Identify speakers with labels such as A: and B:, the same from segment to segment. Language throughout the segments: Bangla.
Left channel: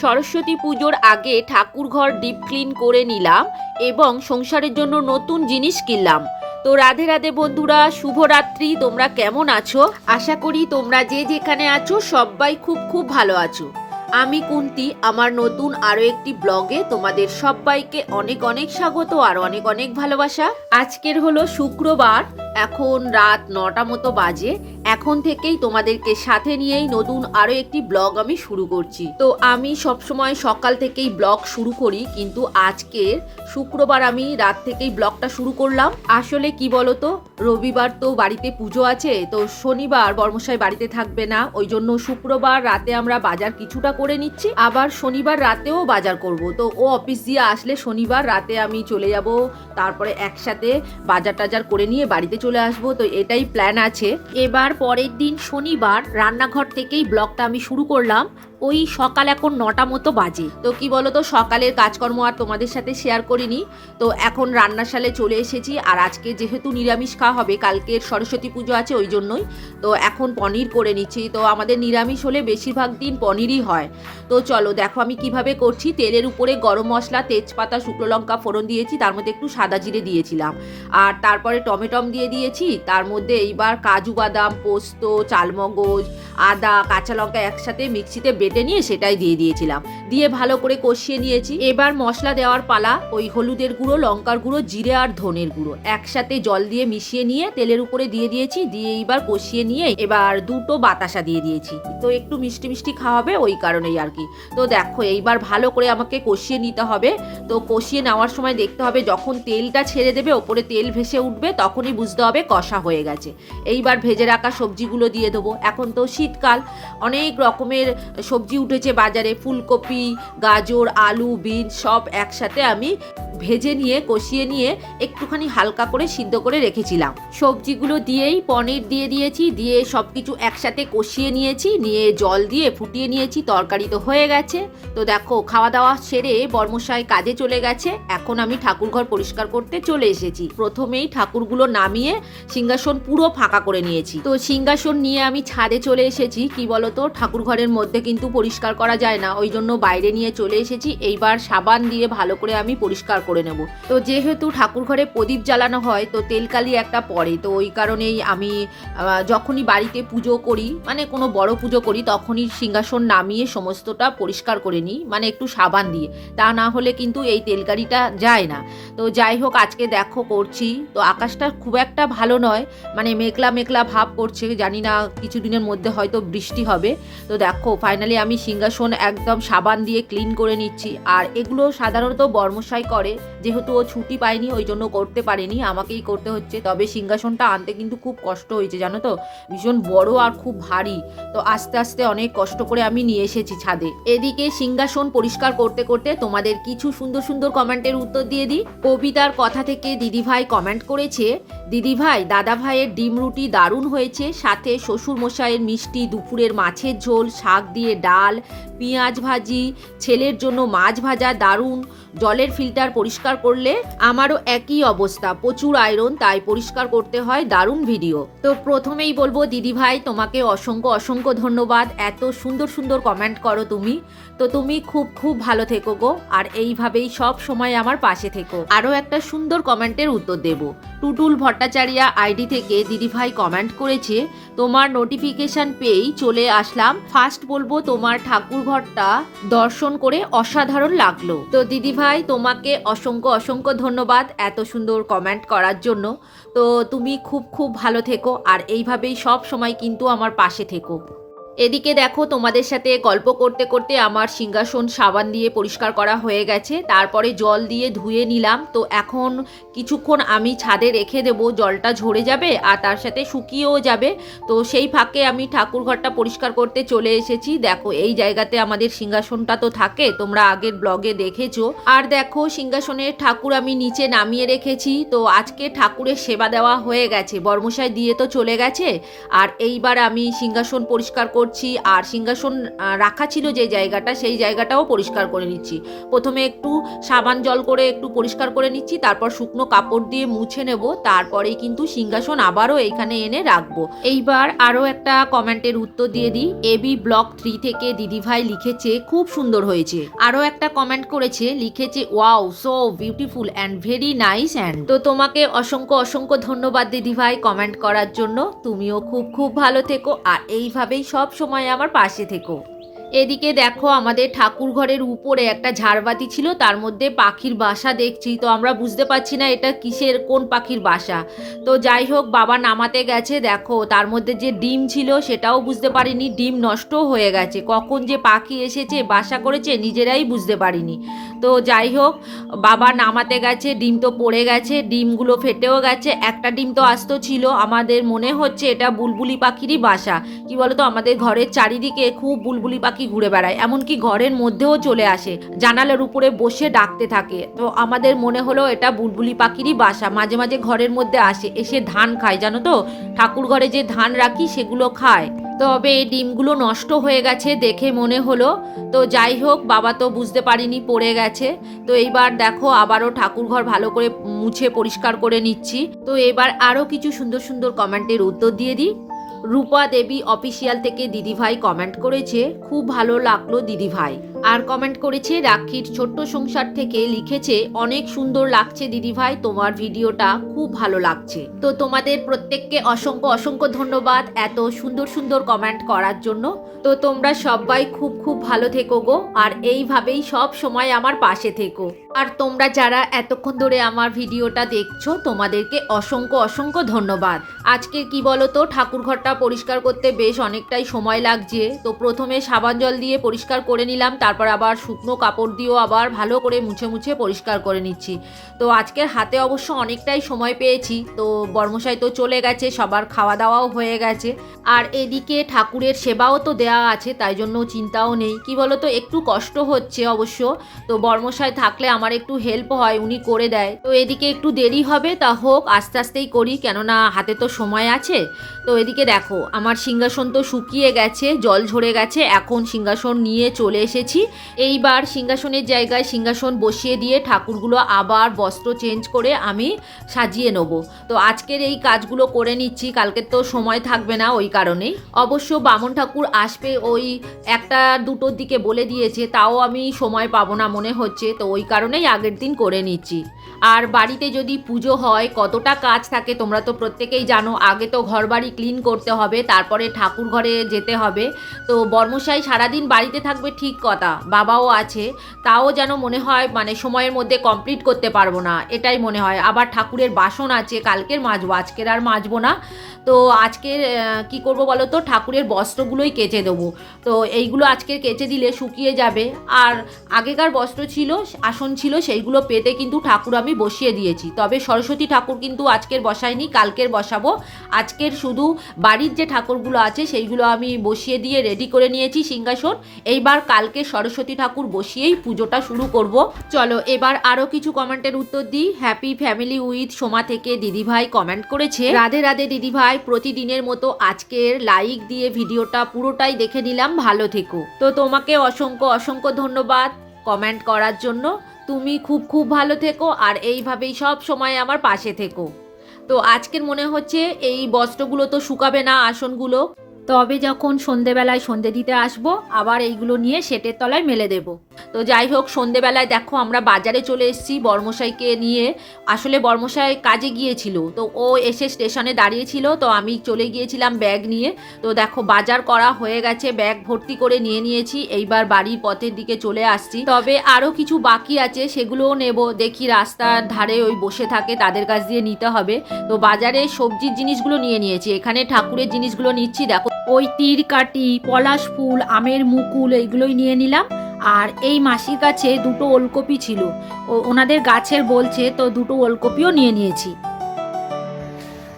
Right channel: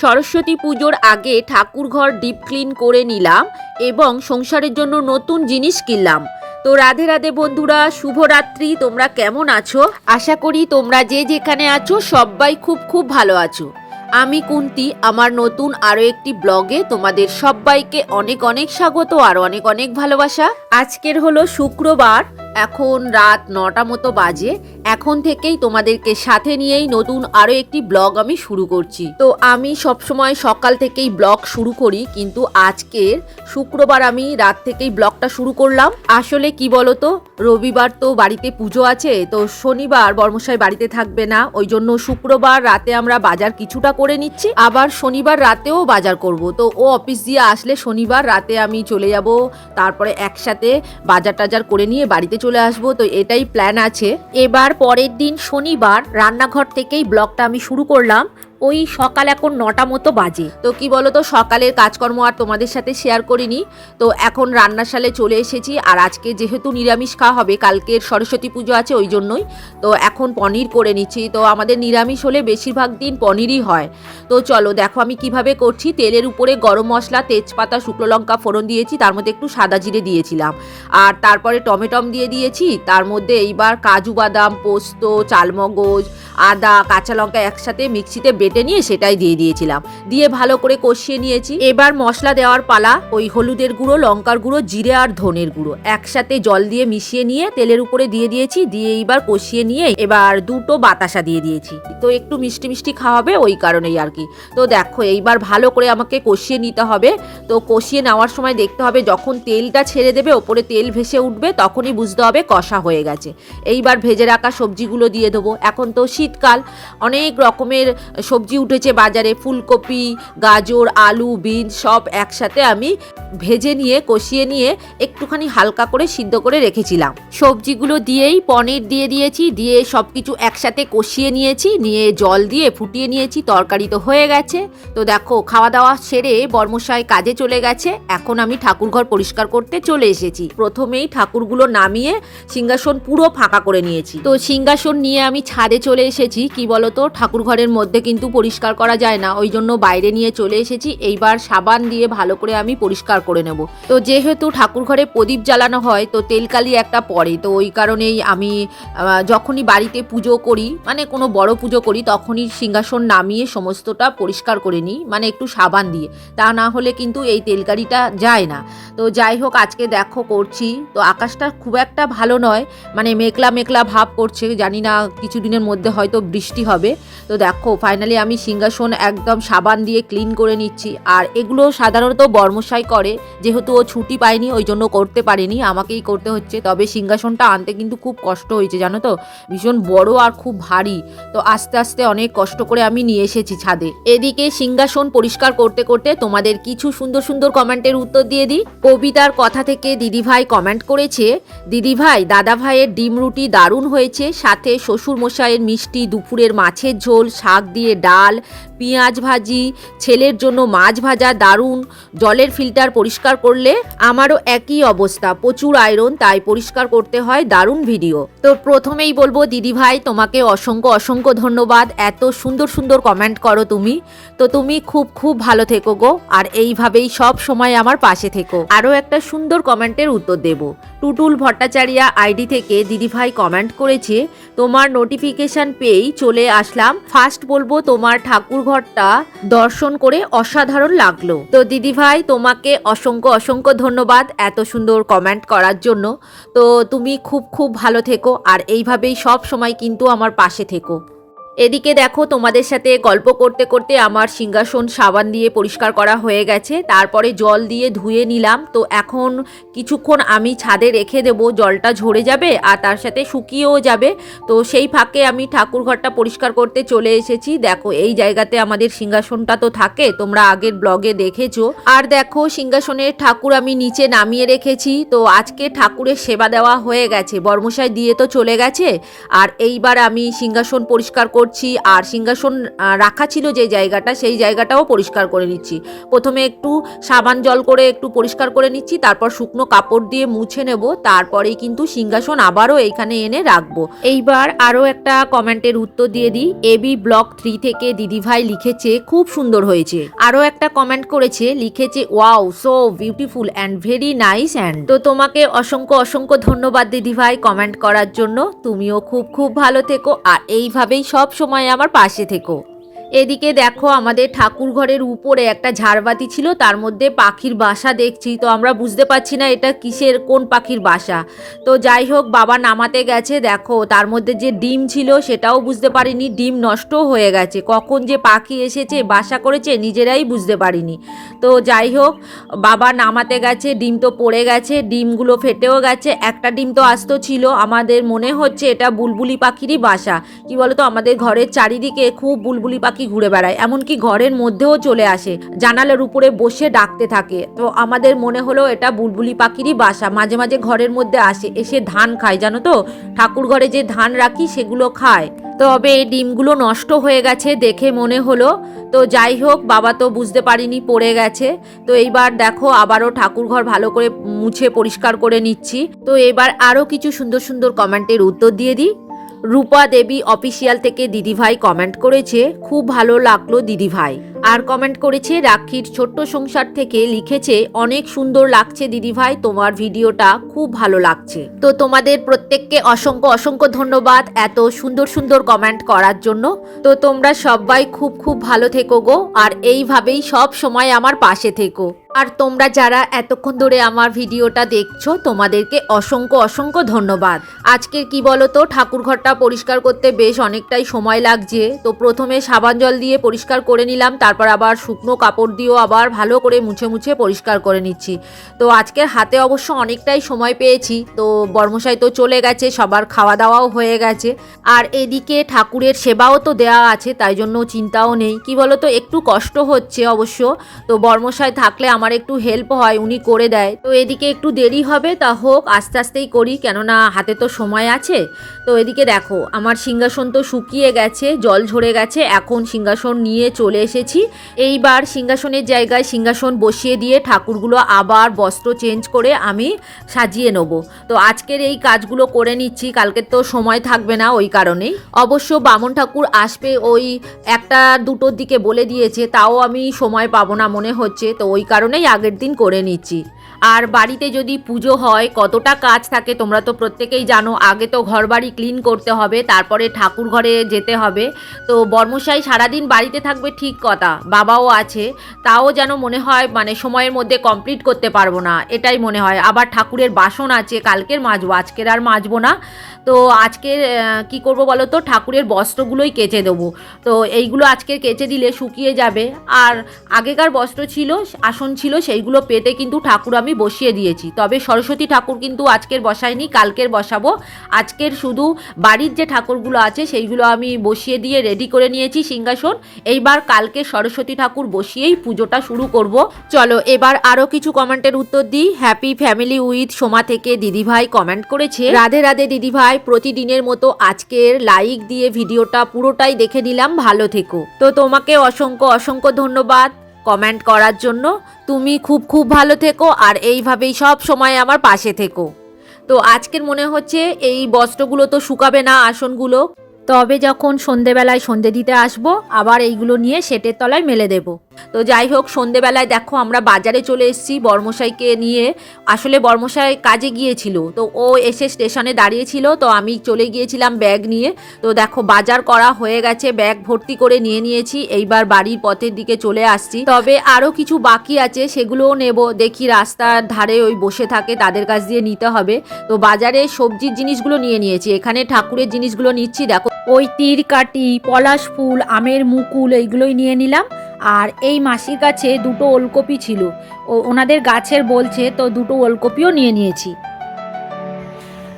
A: সরস্বতী পুজোর আগে ঠাকুর ঘর ডিপ ক্লিন করে নিলাম এবং সংসারের জন্য নতুন জিনিস কিনলাম। তো রাধে রাধে বন্ধুরা, শুভরাত্রি। তোমরা কেমন আছো? আশা করি তোমরা যে যেখানে আছো সবাই খুব খুব ভালো আছো। আমি কুন্তি, আমার নতুন আরও একটি ব্লগে তোমাদের সবাইকে অনেক অনেক স্বাগত, আর অনেক অনেক ভালোবাসা। আজকের হলো শুক্রবার, এখন রাত নটা মতো বাজে। এখন থেকেই তোমাদেরকে সাথে নিয়েই নতুন আরও একটি ব্লগ আমি শুরু করছি। তো আমি সবসময় সকাল থেকেই ব্লগ শুরু করি, কিন্তু আজকের শুক্রবার আমি রাত থেকেই ব্লগটা শুরু করলাম। আসলে কি বলতো, রবিবার তো বাড়িতে পুজো আছে, তো শনিবার বর্মশাই বাড়িতে থাকবে না, ওই জন্য শুক্রবার রাতে আমরা বাজার কিছুটা করে নিচ্ছি। আবার শনিবার রাতেও বাজার করব। তো ও অফিস দিয়ে আসলে শনিবার রাতে আমি চলে যাব, তারপরে একসাথে বাজার টাজার করে নিয়ে বাড়িতে চলে আসব। তো এটাই প্ল্যান আছে। এবার পরের দিন শনিবার রান্নাঘর থেকেই ব্লগটা আমি শুরু করলাম। ওই সকাল এখন নটা মতো বাজে। তো কি বলো তো সকালের কাজকর্ম আর তোমাদের সাথে শেয়ার করিনি। তো এখন রান্নাশালে চলে এসেছি, আর আজকে যেহেতু নিরামিষ খাওয়া হবে কালকের সরস্বতী পুজো আছে ওই জন্যই। তো এখন পনির করে নিচ্ছি। তো আমাদের নিরামিষ হলে বেশিরভাগ দিন পনিরই হয়। তো চলো, দেখো আমি কীভাবে করছি। তেলের উপরে গরম মশলা, তেজপাতা, শুকনো লঙ্কা ফোড়ন দিয়েছি, তার মধ্যে একটু সাদা জিরে দিয়েছিলাম। আর তারপরে টমেটম দিয়ে দিয়েছি, তার মধ্যে এইবার কাজু বাদাম, পোস্ত, চালমগজ, আদা, কাঁচা লঙ্কা একসাথে মিক্সিতে বেটে নিয়ে সেটাই দিয়ে দিয়েছিলাম। দিয়ে ভালো করে কষিয়ে নিয়েছি। এবার মশলা দেওয়ার পালা, ওই হলুদের গুঁড়ো, লঙ্কার গুঁড়ো, জিরে আর ধনের গুঁড়ো একসাথে জল দিয়ে মিশিয়ে নিয়ে তেলের উপরে দিয়ে দিয়েছি। দিয়ে এইবার কষিয়ে নিয়ে এবার দুটো বাতাসা দিয়ে দিয়েছি। তো একটু মিষ্টি মিষ্টি খাওয়াবে ওই কারণেই আর কি। তো দেখো, এইবার ভালো করে আমাকে কষিয়ে নিতে হবে। তো কষিয়ে নেওয়ার সময় দেখতে হবে যখন তেলটা ছেড়ে দেবে, ওপরে তেল ভেসে উঠবে, তখনই বুঝতে হবে কষা হয়ে গেছে। এইবার ভেজে রাখা সবজিগুলো দিয়ে দেবো। এখন তো শীতকাল, অনেক রকমের সবজি উঠেছে বাজারে, ফুলকপি, গাজর, আলু বিনস সব একসাথে আমি ভেজে নিয়ে, কষিয়ে নিয়ে একটুখানি হালকা করে সিদ্ধ করে রেখেছিলাম। সবজিগুলো দিয়েই পনির দিয়ে দিয়েছি, দিয়ে সব কিছু একসাথে কষিয়ে নিয়েছি, নিয়ে জল দিয়ে ফুটিয়ে নিয়েছি, তরকারি তো হয়ে গেছে। তো দেখো খাওয়া দাওয়া সেরে বর্মশাই কাজে চলে গেছে, এখন আমি ঠাকুরঘর পরিষ্কার করতে চলে এসেছি। প্রথমেই ঠাকুরগুলো নামিয়ে সিংহাসন পুরো ফাঁকা করে নিয়েছি। তো সিংহাসন নিয়ে আমি ছাদে চলে এসেছি, কি বলতো ঠাকুর ঘরের মধ্যে কিন্তু পরিষ্কার করা যায় না। ওই জন্য বাইরে নিয়ে চলে এসেছি। এইবার সাবান দিয়ে ভালো করে আমি পরিষ্কার করে নেব। তো যেহেতু ঠাকুর ঘরে প্রদীপ জ্বালানো হয়, তো তেলকালি একটা পড়ে। তো ওই কারণেই আমি যখনই বাড়িতে পুজো করি মানে কোনো বড় পুজো করি, তখনই সিংহাসন নামিয়ে সমস্তটা পরিষ্কার করে নিই মানে একটু সাবান দিয়ে। তা না হলে কিন্তু এই তেলকারিটা যায় না। তো যাই হোক, আজকে দেখো করছি। তো আকাশটা খুব একটা ভালো নয় মানে মেঘলা মেঘলা ভাব করছে। জানি না, কিছুদিনের মধ্যে হয়তো বৃষ্টি হবে। তো দেখো ফাইনালি আমি সিংহাসন একদম সাবান দিয়ে ক্লিন করে নিচ্ছি। আর এগুলো সাধারণত বর্মশাই করে। যেহেতু ও ছুটি পায়নি, ওই জন্য করতে পারেনি। আমাকেই করতে হচ্ছে। তবে সিংহাসনটা আনতে কিন্তু খুব কষ্ট হয়েছে, জানো তো? ভীষণ বড় আর খুব ভারী। তো আস্তে আস্তে অনেক কষ্ট করে আমি নিয়ে এসেছি ছাদে। এদিকে সিংহাসন পরিষ্কার করতে করতে তোমাদের কিছু সুন্দর সুন্দর কমেন্টের উত্তর দিয়ে দিই। কবিতার কথা থেকে দিদিভাই কমেন্ট করেছে, দিদিভাই দাদা ভাইয়ের ডিম রুটি দারুণ হয়েছে। সাথে শ্বশুর মশাইয়ের মিষ্টি, দুপুরের মাছের ঝোল, শাক দিয়ে ডাল, পেঁয়াজ ভাজি, ছেলের জন্য মাছ ভাজা, দারুণ। জলের ফিল্টার পরিষ্কার করলে আমারও একই অবস্থা। প্রচুর আয়রন, তাই পরিষ্কার করতে হয় দারুণ ভিডিও। তো প্রথমেই বলব দিদিভাই তোমাকে অসংখ্য অসংখ্য ধন্যবাদ। এত সুন্দর সুন্দর কমেন্ট করো তুমি। তো তুমি খুব খুব ভালো থেকো গো। আর এইভাবেই সব সময় আমার পাশে থেকো। আরও একটা সুন্দর কমেন্টের উত্তর দেব। টুটুল ভট্টাচারিয়া আইডি থেকে দিদিভাই কমেন্ট করেছে, তোমার নোটিফিকেশন পেয়েই চলে আসলাম। ফার্স্ট বলব তোমার ঠাকুর ঘরটা দর্শন করে অসাধারণ লাগল। তো দিদি ভাই, তোমাকে অসংখ্য অসংখ্য ধন্যবাদ এত সুন্দর কমেন্ট করার জন্য। তো তুমি খুব খুব ভালো থেকো আর এইভাবেই সব সময় কিন্তু আমার পাশে থেকো। এদিকে দেখো, তোমাদের সাথে গল্প করতে করতে আমার সিংহাসন সাবান দিয়ে পরিষ্কার করা হয়ে গেছে। তারপরে জল দিয়ে ধুয়ে নিলাম। তো এখন কিছুক্ষণ আমি ছাদে রেখে দেব, জলটা ঝরে যাবে আর তার সাথে শুকিয়েও যাবে। তো সেই ফাঁকে আমি ঠাকুর ঘরটা পরিষ্কার করতে চলে এসেছি। দেখো, এই জায়গাতে আমাদের সিংহাসনটা তো থাকে, তোমরা আগের ব্লগে দেখেছ। আর দেখো, সিংহাসনের ঠাকুর আমি নিচে নামিয়ে রেখেছি। তো আজকে ঠাকুরের সেবা দেওয়া হয়ে গেছে। বর্মশাই দিয়ে তো চলে গেছে। আর এইবার আমি সিংহাসন পরিষ্কার করছি আর সিংহাসন রাখা ছিল যে জায়গাটা, সেই জায়গাটাও পরিষ্কার করে নিচ্ছি। প্রথমে একটু সাবান জল করে একটু পরিষ্কার করে নিচ্ছি, তারপর শুকনো কাপড় দিয়ে মুছে নেব, তারপরেই কিন্তু সিংহাসন আবারও এইখানে এনে রাখব। এইবার আরও একটা কমেন্টের উত্তর দিয়ে দিই। এবি ব্লক থ্রি থেকে দিদিভাই লিখেছে, খুব সুন্দর হয়েছে। আরও একটা কমেন্ট করেছে, লিখেছে, wow, so beautiful and very nice and. তো তোমাকে অসংখ্য অসংখ্য ধন্যবাদ দিদিভাই কমেন্ট করার জন্য। তুমিও খুব খুব ভালো থেকো। আর এইভাবেই সব সময় আমার পাশে থেকো। এদিকে দেখো আমাদের ঠাকুর ঘরের উপরে একটা ঝাড়বাতি ছিল, তার মধ্যে পাখির বাসা দেখছি, তো আমরা বুঝতে পারছি না এটা কিসের, কোন পাখির বাসা। তো যাই হোক, বাবা নামাতে গেছে, দেখো, তার মধ্যে যে ডিম ছিল সেটাও বুঝতে পারিনি, ডিম নষ্ট হয়ে গেছে। কখন যে পাখি এসেছে, বাসা করেছে, নিজেরাই বুঝতে পারিনি। তো যাই হোক, বাবা নামাতে গেছে, ডিম তো পড়ে গেছে, ডিমগুলো ফেটেও গেছে, একটা ডিম তো আস্ত ছিল। আমাদের মনে হচ্ছে এটা বুলবুলি পাখিরই বাসা। কি বলতো, আমাদের ঘরের চারিদিকে খুব বুলবুলি পাখি ঘুরে বেড়ায়, এমনকি ঘরের মধ্যেও চলে আসে, জানালার উপরে বসে ডাকতে থাকে। তো আমাদের মনে হলো এটা বুলবুলি পাখিরই বাসা, মাঝে মাঝে ঘরের মধ্যে আসে, এসে ধান খায়, জানো তো? ঠাকুর ঘরে যে ধান রাখি, সেগুলো খায়। তবে এই ডিমগুলো নষ্ট হয়ে গেছে দেখে মনে হলো, তো যাই হোক, বাবা তো বুঝতে পারিনি পড়ে গেছে। তো এইবার দেখো, আবারও ঠাকুরঘর ভালো করে মুছে পরিষ্কার করে নিচ্ছি। তো এবার আরও কিছু সুন্দর সুন্দর কমেন্টের উত্তর দিয়ে দিই। রূপা দেবী অফিসিয়াল থেকে দিদিভাই কমেন্ট করেছে, খুব ভালো লাগল দিদিভাই। আর কমেন্ট করেছে রাখির ছোট্ট সংসার থেকে লিখেছে, অনেক সুন্দর লাগছে দিদিভাই, তোমার ভিডিওটা খুব ভালো লাগছে। তো তোমাদের প্রত্যেককে অসংখ্য অসংখ্য ধন্যবাদ এত সুন্দর সুন্দর কমেন্ট করার জন্য। তো তোমরা সবাই খুব খুব ভালো থেকো গো, আর এইভাবেই সব সময় আমার পাশে থেকো। আর তোমরা যারা এতক্ষণ ধরে আমার ভিডিওটা দেখছ, তোমাদেরকে অসংখ্য অসংখ্য ধন্যবাদ। আজকের কি বলো তো ঠাকুর ঘরটা পরিষ্কার করতে বেশ অনেকটাই সময় লাগছে। তো প্রথমে সাবান জল দিয়ে পরিষ্কার করে নিলাম তারপর আবার শুকনো কাপড় দিয়েও আবার ভালো করে মুছে মুছে পরিষ্কার করে নিচ্ছি। তো আজকের হাতে অবশ্য অনেকটাই সময় পেয়েছি। তো বর্মশাই তো চলে গেছে, সবার খাওয়া দাওয়াও হয়ে গেছে। আর এদিকে ঠাকুরের সেবাও তো দেওয়া আছে, তাই জন্য চিন্তাও নেই। কি বলো তো একটু কষ্ট হচ্ছে অবশ্য। তো বর্মশাই থাকলে আমার একটু হেল্প হয়, উনি করে দেয়। তো এদিকে একটু দেরি হবে, তা হোক, আস্তে আস্তেই করি। কেননা হাতে তো সময় আছে। তো এদিকে দেখো, আমার সিংহাসন তো শুকিয়ে গেছে, জল ঝরে গেছে। এখন সিংহাসন নিয়ে চলে এসেছি। এইবার সিংহাসনের জায়গায় সিংহাসন বসিয়ে দিয়ে ঠাকুরগুলো আবার বস্ত্র চেঞ্জ করে আমি সাজিয়ে নেব। তো আজকের এই কাজগুলো করে নিচ্ছি কালকে তো সময় থাকবে না ওই কারণেই। অবশ্য বামন ঠাকুর আসবে ওই একটা দুটোর দিকে বলে দিয়েছে, তাও আমি সময় পাবো না মনে হচ্ছে, তো ওই কারণেই আগের দিন করে নিচ্ছি। আর বাড়িতে যদি পুজো হয়, কতটা কাজ থাকে তোমরা তো প্রত্যেকেই জানো, আগে তো ঘর বাড়ি ক্লিন করতে হবে, তারপরে ঠাকুর ঘরে যেতে হবে। তো বর্মশাই সারাদিন বাড়িতে থাকবে ঠিক কথা, বাবাও আছে, তাও যেন মনে হয় মানে সময়ের মধ্যে কমপ্লিট করতে পারব না, এটাই মনে হয়। আবার ঠাকুরের বাসন আছে, কালকের মাজবো, আজকের আর মাজবো না। তো আজকের কি করব বলো তো, ঠাকুরের বস্ত্রগুলোই কেচে দেবো। তো এইগুলো আজকের কেচে দিলে শুকিয়ে যাবে। আর আগেকার বস্ত্র ছিল, আসন ছিল, সেইগুলো পেতে কিন্তু ঠাকুর আমি বসিয়ে দিয়েছি। তবে সরস্বতী ঠাকুর কিন্তু আজকের বসাইনি কালকের বসাবো। আজকের শুধু বাড়ির যে ঠাকুরগুলো আছে, সেইগুলো আমি বসিয়ে দিয়ে রেডি করে নিয়েছি সিংহাসন। এইবার কালকে সরস্বতী ঠাকুর বসিয়েই পুজোটা শুরু করব। চলো, এবার আরও কিছু কমেন্টের উত্তর দিই। হ্যাপি ফ্যামিলি উইথ সোমা থেকে দিদিভাই কমেন্ট করেছে। রাধে রাধে দিদিভাই, প্রতিদিনের মতো আজকের লাইক দিয়ে ভিডিওটা পুরোটাই দেখে নিলাম। ভালো থেকো। তো তোমাকে অসংখ্য অসংখ্য ধন্যবাদ। কমেন্ট করার জন্য তুমি খুব খুব ভালো থেকো আর এইভাবেই সব সময় আমার পাশে থেকো। তো আজকের মনে হচ্ছে এই বস্ত্রগুলো তো শুকাবে না আসনগুলো। তবে যখন সন্ধেবেলায় সন্ধে দিতে আসব, আবার এইগুলো নিয়ে সেটের তলায় মেলে দেব। তো যাই হোক, সন্ধেবেলায় দেখো আমরা বাজারে চলে এসেছি বর্মশাইকে নিয়ে। আসলে বর্মশাই কাজে গিয়েছিল, তো ও এসে স্টেশনে দাঁড়িয়েছিল, তো আমি চলে গিয়েছিলাম ব্যাগ নিয়ে। তো দেখো, বাজার করা হয়ে গেছে, ব্যাগ ভর্তি করে নিয়ে নিয়েছি, এইবার বাড়ির পথের দিকে চলে আসছি। তবে আরও কিছু বাকি আছে, সেগুলোও নেব, দেখি রাস্তার ধারে ওই বসে থাকে, তাদের কাছ দিয়ে নিতে হবে। তো বাজারে সবজির জিনিসগুলো নিয়ে নিয়েছি, এখানে ঠাকুরের জিনিসগুলো নিচ্ছি, দেখো। ওই তীর কাটি পলাশ ফুল, আমের মুকুল, এইগুলোই নিয়ে নিলাম। আর এই মাসির কাছে দুটো ওলকপি ছিল। ও, ওনাদের গাছের বলছে তো দুটো ওলকপিও নিয়ে নিয়েছি।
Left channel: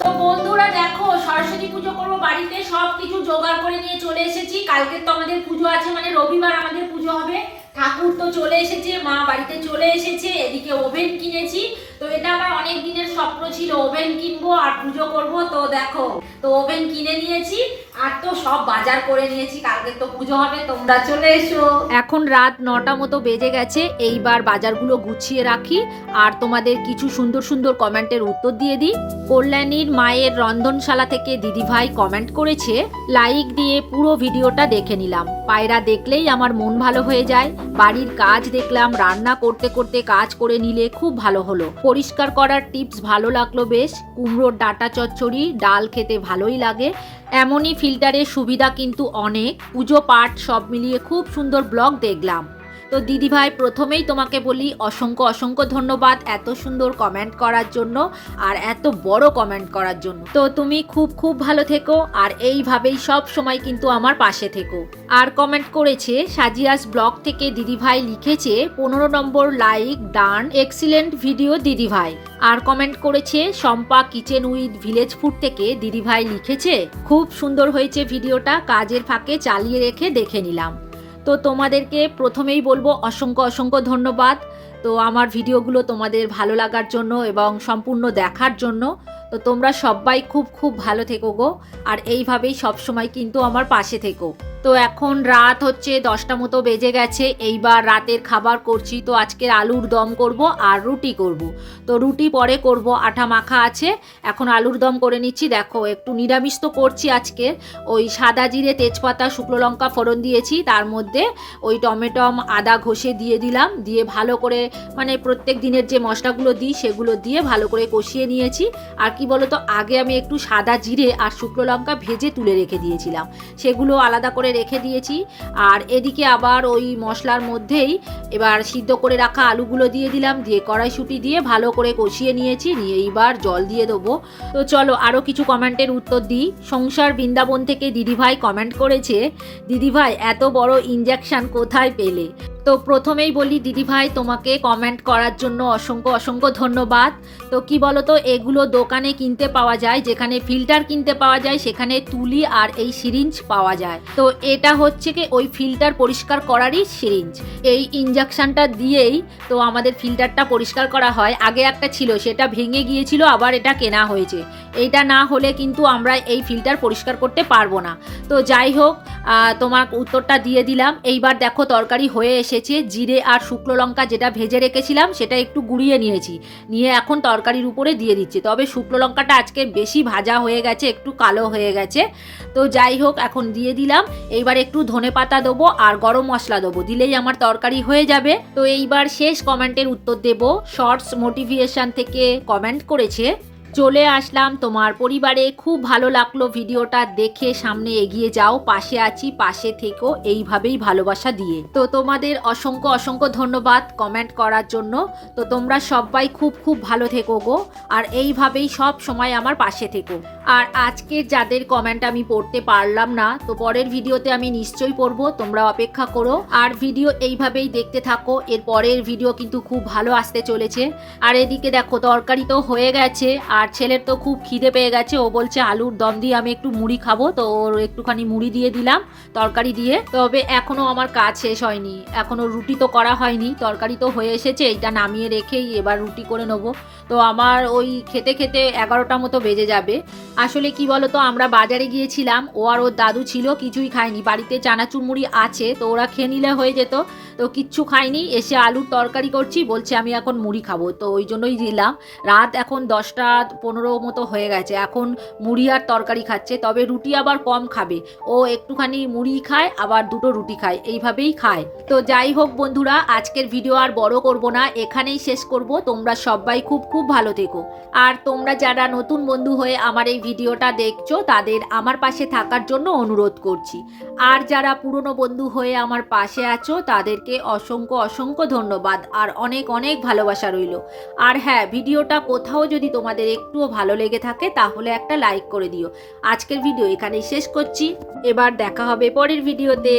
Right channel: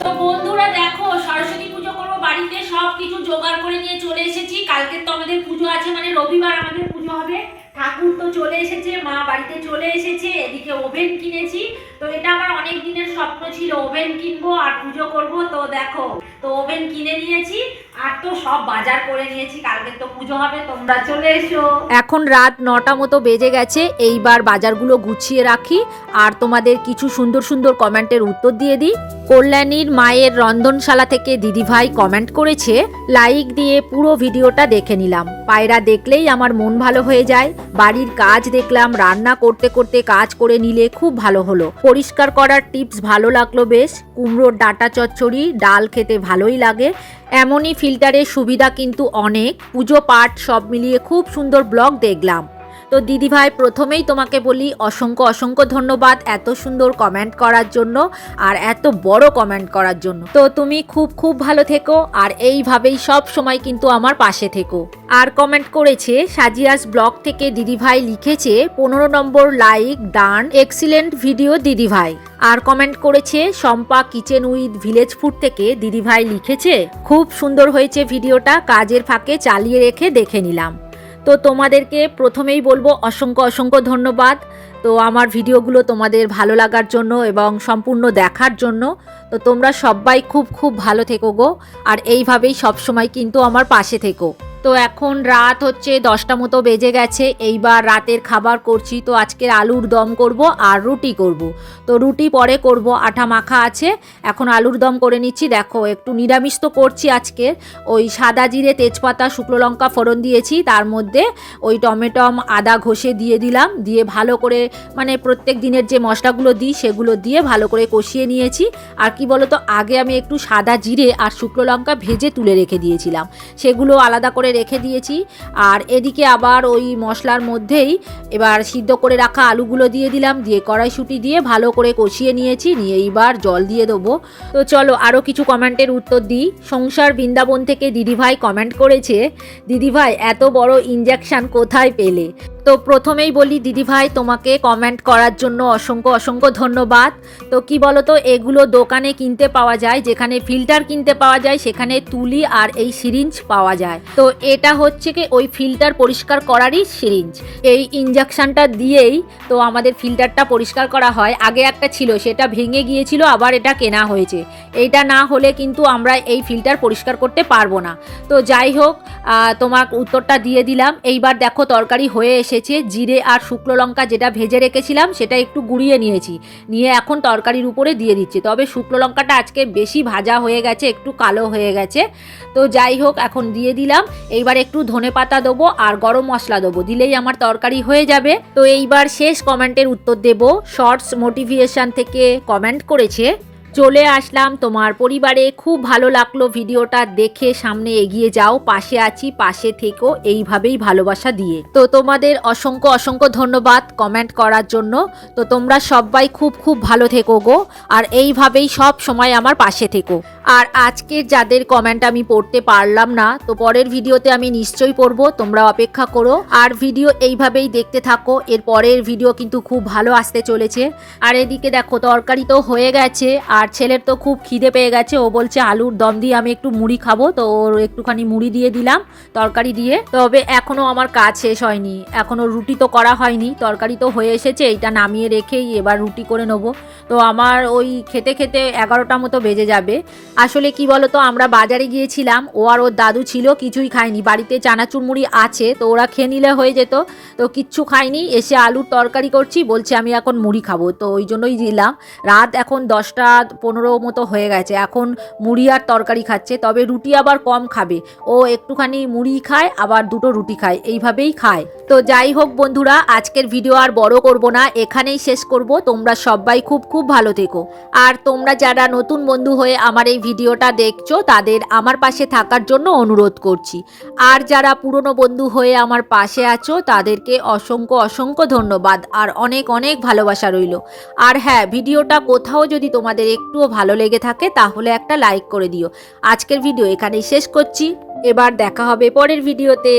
A: তো বন্ধুরা দেখো, সরস্বতী পুজো করব বাড়িতে, সব কিছু জোগাড় করে নিয়ে চলে এসেছি। কালকে তো আমাদের পুজো আছে মানে রবিবার আমাদের পুজো হবে। ঠাকুর তো চলে এসেছে, মা বাড়িতে চলে এসেছে, এদিকে ওভেন কিনেছি। তো এটা আমার অনেক দিনের স্বপ্ন ছিল, ওভেন কিনবো আর পুজো করব। তো দেখো, তো ওভেন কিনে নিয়েছি। এখন রাত নটা মতো বেজে গেছে, এইবার বাজারগুলো গুছিয়ে রাখি, আর তোমাদের কিছু সুন্দর সুন্দর কমেন্টের উত্তর দিয়ে দিই। কল্যাণীর মায়ের রন্ধনশালা থেকে দিদিভাই কমেন্ট করেছে, লাইক দিয়ে পুরো ভিডিওটা দেখে নিলাম। পায়রা দেখলেই আমার মন ভালো হয়ে যায়। বাড়ির কাজ দেখলাম, রান্না করতে করতে কাজ করে নিলে খুব ভালো হলো। পরিষ্কার করার টিপস ভালো লাগল বেশ। কুমড়োর ডাটা চচ্চড়ি, ডাল খেতে ভালোই লাগে। এমনই ফিল্টারের সুবিধা কিন্তু অনেক। পুজো পাঠ সব মিলিয়ে খুব সুন্দর ব্লগ দেখলাম। তো দিদিভাই প্রথমেই তোমাকে বলি অসংখ্য অসংখ্য ধন্যবাদ এত সুন্দর কমেন্ট করার জন্য আর এত বড় কমেন্ট করার জন্য। তো তুমি খুব খুব ভালো থেকো আর এইভাবেই সব সময় কিন্তু আমার পাশে থেকো। আর কমেন্ট করেছে, সাজিয়াস ব্লগ থেকে দিদিভাই লিখেছে, পনেরো নম্বর লাইক ডান এক্সিলেন্ট ভিডিও দিদিভাই আর কমেন্ট করেছে, Shampa kitchen with village food থেকে দিদিভাই লিখেছে, খুব সুন্দর হয়েছে ভিডিওটা কাজের ফাঁকে চালিয়ে রেখে দেখে নিলাম। তো তোমাদেরকে প্রথমেই বলব অসংখ্য অসংখ্য ধন্যবাদ। তো আমার ভিডিওগুলো তোমাদের ভালো লাগার জন্য এবং সম্পূর্ণ দেখার জন্য। তো তোমরা সবাই খুব খুব ভালো থেকো গো। আর এইভাবেই সবসময় কিন্তু আমার পাশে থেকো। তো এখন রাত হচ্ছে, দশটা মতো বেজে গেছে। এইবার রাতের খাবার করছি, তো আজকের আলুর দম করব আর রুটি করব। তো রুটি পরে করব, আঠা মাখা আছে। এখন আলুর দম করে নিচ্ছি। দেখো, একটু নিরামিষ তো করছি আজকে। ওই সাদা জিরে, তেজপাতা, শুকনো লঙ্কা ফোড়ন দিয়েছি। তার মধ্যে ওই টমেটম আদা ঘষে দিয়ে দিলাম। দিয়ে ভালো করে মানে প্রত্যেক দিনের যে মশলাগুলো দিই, সেগুলো দিয়ে ভালো করে কষিয়ে নিয়েছি। আর কি বলতো, আগে আমি একটু সাদা জিরে আর শুকনো লঙ্কা ভেজে তুলে রেখে দিয়েছিলাম। সেগুলো আলাদা করে রেখে দিয়েছি। আর এদিকে আবার ওই মশলার মধ্যেই এবার সিদ্ধ করে রাখা আলুগুলো দিয়ে দিলাম, দিয়ে কড়াইশুঁটি দিয়ে ভালো করে কষিয়ে নিয়েছি, নিয়ে এইবার জল দিয়ে দেবো। তো চলো আরও কিছু কমেন্টের উত্তর দিই। সংসার বৃন্দাবন থেকে দিদিভাই কমেন্ট করেছে, দিদিভাই, এত বড় ইঞ্জেকশন কোথায় পেলে? তো প্রথমেই বলি দিদিভাই তোমাকে কমেন্ট করার জন্য অসংখ্য অসংখ্য ধন্যবাদ। তো কি বলো তো এগুলো দোকানে কিনতে পাওয়া যায়, যেখানে ফিল্টার কিনতে পাওয়া যায়, সেখানে তুলি আর এই সিরিঞ্জ পাওয়া যায়। তো এটা হচ্ছে কি, ওই ফিল্টার পরিষ্কার করারই সিরিঞ্জ এই ইঞ্জেকশনটা দিয়েই তো আমাদের ফিল্টারটা পরিষ্কার করা হয়। আগে একটা ছিল, সেটা ভেঙে গিয়েছিল, আবার এটা কেনা হয়েছে। এইটা না হলে কিন্তু আমরা এই ফিল্টার পরিষ্কার করতে পারব না। তো যাই হোক তোমার উত্তরটা দিয়ে দিলাম। এইবার দেখো, তরকারি হয়ে এসেছে, জিরে আর শুকনো লঙ্কা যেটা ভেজে রেখেছিলাম, সেটা একটু গুঁড়িয়ে নিয়েছি। নিয়ে এখন তরকারির উপরে দিয়ে দিচ্ছি। তবে শুকনো লঙ্কাটা আজকে বেশি ভাজা হয়ে গেছে, একটু কালো হয়ে গেছে। তো যাই হোক, এখন দিয়ে দিলাম। এইবার একটু ধনে পাতা দেবো আর গরম মশলা দেবো। দিলেই আমার তরকারি হয়ে যাবে। তো এইবার শেষ কমেন্টের উত্তর দেব। শর্টস মোটিভেশন থেকে কমেন্ট করেছে চলে আসলাম। তোমার পরিবারে খুব ভালো লাগল ভিডিওটা দেখে। সামনে এগিয়ে যাও, পাশে আছি, পাশে থেকো। এইভাবেই ভালোবাসা দিয়ে। তো তোমাদের অসংখ্য অসংখ্য ধন্যবাদ কমেন্ট করার জন্য। তো তোমরা সবাই খুব খুব ভালো থেকো গো। আর এইভাবেই সব সময় আমার পাশে থেকো। আর আজকের যাদের কমেন্ট আমি পড়তে পারলাম না, তো পরের ভিডিওতে আমি নিশ্চয়ই পড়ব। তোমরা অপেক্ষা করো। আর ভিডিও এইভাবেই দেখতে থাকো। এর পরের ভিডিও কিন্তু খুব ভালো আসতে চলেছে। আর এদিকে দেখো, তরকারি তো হয়ে গেছে। আর ছেলের তো খুব খিদে পেয়ে গেছে। ও বলছে, আলুর দম দিয়ে আমি একটু মুড়ি খাব। তো ওর একটুখানি মুড়ি দিয়ে দিলাম, তরকারি দিয়ে। তবে এখনও আমার কাজ শেষ হয়নি। এখনও রুটি তো করা হয়নি। তরকারি তো হয়ে এসেছে, এইটা নামিয়ে রেখেই এবার রুটি করে নেব। তো আমার ওই খেতে খেতে এগারোটা মতো বেজে যাবে। আসলে কি বলো তো আমরা বাজারে গিয়েছিলাম, ও আর ওর দাদু ছিল, কিছুই খায়নি। বাড়িতে চানাচুর মুড়ি আছে, তো ওরা খেয়ে নিলে হয়ে যেত। তো কিচ্ছু খাইনি, এসে আলুর তরকারি করছি, বলছে আমি এখন মুড়ি খাব। তো ওই জন্যই দিলাম। রাত এখন দশটা পনেরো মতো হয়ে গেছে। এখন মুড়ি আর তরকারি খাচ্ছে, তবে রুটি আবার কম খাবে। ও একটুখানি মুড়ি খায়, আবার দুটো রুটি খায়, এইভাবেই খায়। তো যাই হোক বন্ধুরা, আজকের ভিডিও আর বড় করব না, এখানেই শেষ করব। তোমরা সবাই খুব খুব ভালো থেকো। আর তোমরা যারা নতুন বন্ধু হয়ে আমার এই ভিডিওটা দেখছ, তাদের আমার পাশে থাকার জন্য অনুরোধ করছি। আর যারা পুরনো বন্ধু হয়ে আমার পাশে আছো তাদেরকে অসংখ্য অসংখ্য ধন্যবাদ আর অনেক অনেক ভালোবাসা রইল। আর হ্যাঁ ভিডিওটা কোথাও যদি তোমাদের একটুও ভালো লেগে থাকে তাহলে একটা লাইক করে দিও। আজকের ভিডিও এখানেই শেষ করছি। এবার দেখা হবে পরের ভিডিওতে।